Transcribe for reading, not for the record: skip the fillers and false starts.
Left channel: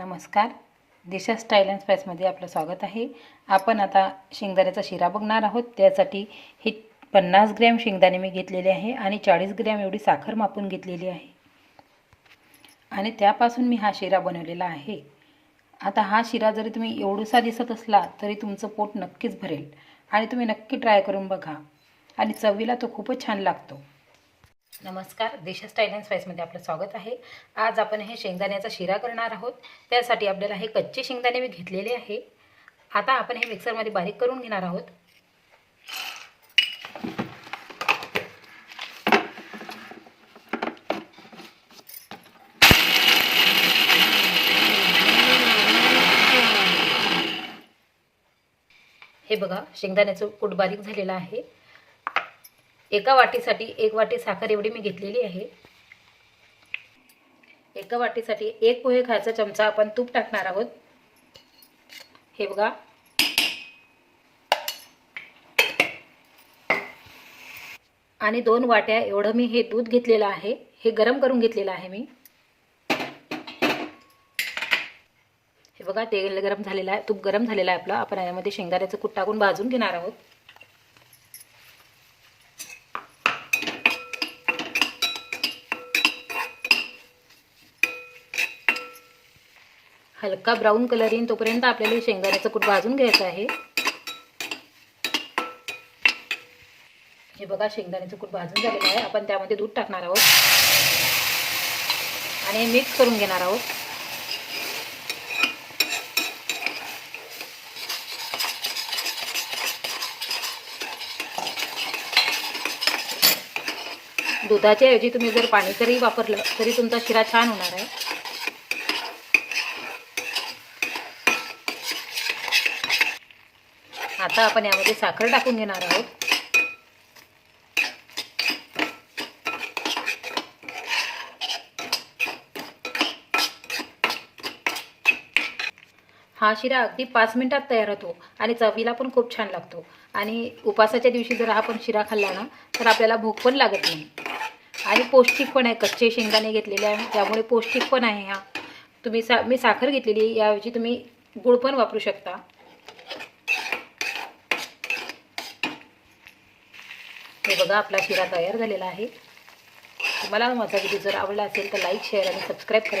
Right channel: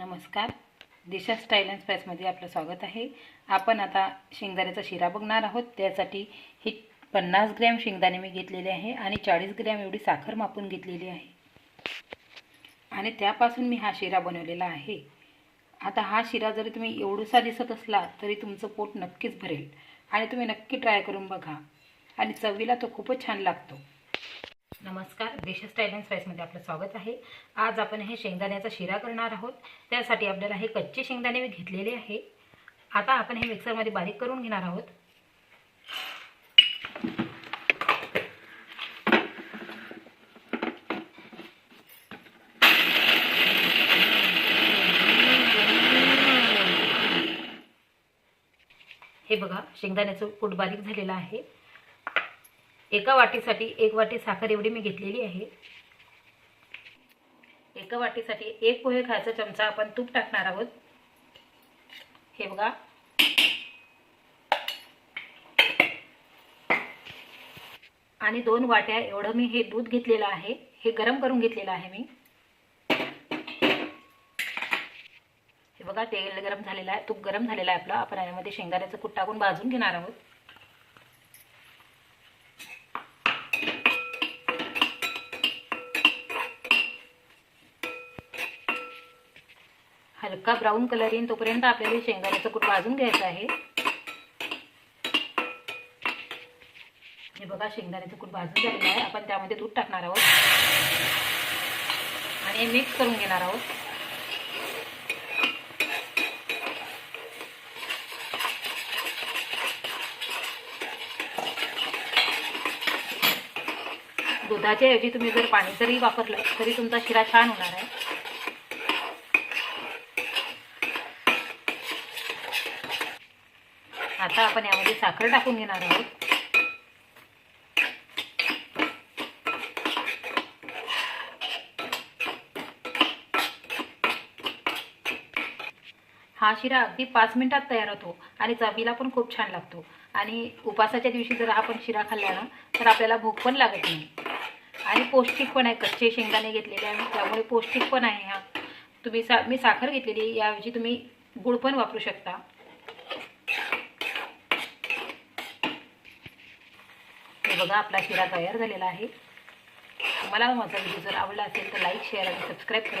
नमस्कार, दिशा style and स्पाइसमध्ये आपलं स्वागत आहे। आपण आता शेंगदाण्याचा शिरा बघणार आहोत। त्यासाठी ही 50 ग्रॅम शेंगदाणे मी घेतलेले आहे आणि 40 ग्रॅम एवढी साखर मापून घेतलेली आहे आणि त्यापासून मी हा शिरा बनवलेला आहे। आता हा शिरा जरी तुम्ही एवढासा दिसत असला तरी तुमचं पोट नक्कीच भरेल आणि तुम्ही नक्की ट्राय करून बघा आणि चवीला तो खूपच छान लागतो। नमस्कार, दिशा स्टाईल अँड स्पाइसमध्ये आपलं स्वागत आहे। आज आपण हे शेंगदाण्याचा शिरा करणार आहोत। त्यासाठी आपल्याला हे कच्चे शेंगदाणे मी घेतलेले आहे। आता आपण हे मिक्सरमध्ये बारीक करून घेणार आहोत। हे बघा, शेंगदाण्याचं कूट बारीक झालेला आहे। एका वाटीसाठी 1 वाटी साखर एवढी मी घेतलेली आहे। एका वाटीसाठी 1 पोहे खायचा चमचा आपण तूप टाकणार आहोत। हे बघा, आणि 2 वाट्या एवढं मी हे दूध घेतलेलं आहे। हे गरम करून घेतलेलं आहे मी। हे बघा, तेल गरम झालेलं आहे, तूप गरम झालेलं आहे आपलं। आपण यामध्ये शेंगदाण्याचं कूट टाकून भाजून घेणार आहोत। हलका ब्राऊन कलर येईल तोपर्यंत आपल्याला शेंगदाण्याचं कूट भाजून घ्यायचं आहे। हे बघा, शेंगदाण्याचं कूट भाजून झालेलं आहे। आपण त्यामध्ये दूध टाकणार आहोत आणि मिक्स करून घेणार आहोत। दुधाच्या ऐवजी तुम्ही जर पाणी जरी वापरलं तरी तुमचा शिरा छान होणार आहे। आता आपण यामध्ये साखर टाकून घेणार आहोत। हा शिरा अगदी 5 मिनिटात तयार होतो आणि चवीला पण खूप छान लागतो। आणि उपासाच्या दिवशी जर आपण शिरा खाल्ला ना तर आपल्याला भूक पण लागत नाही आणि पौष्टिक पण आहे। कच्चे शेंगदाणे घेतलेले आहे त्यामुळे पौष्टिक पण आहे। हा तुम्ही मी साखर घेतलेली, याऐवजी तुम्ही गूळ पण वापरू शकता। हे बघा, आपला शिरा तयार झालेला आहे। तुम्हाला माझा व्हिडिओ जर आवडला असेल तर लाईक, शेअर आणि सबस्क्राईब करा।